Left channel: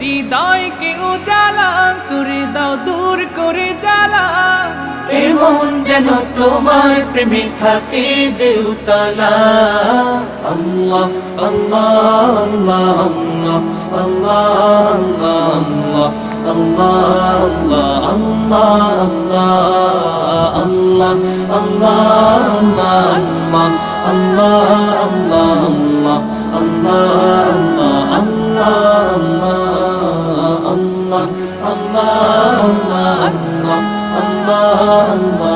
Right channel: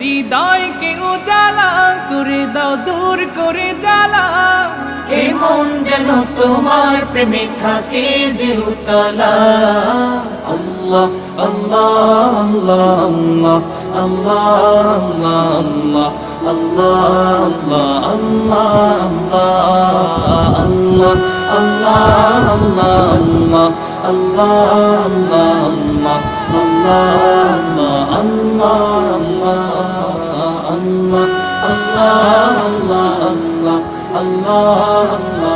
হৃদয়কে উজালা করে দাও, দূর করে জ্বালা। এমন যেন তোমার প্রেমে থাকে যে উতলা। আল্লাহ আল্লাহ আল্লাহ আল্লাহ আল্লাহ আল্লাহ আল্লাহ আল্লাহ আল্লাহ আল্লাহ আল্লাহ আল্লাহ আল্লাহ আল্লাহ আল্লাহ আল্লাহ আল্লাহ আল্লাহ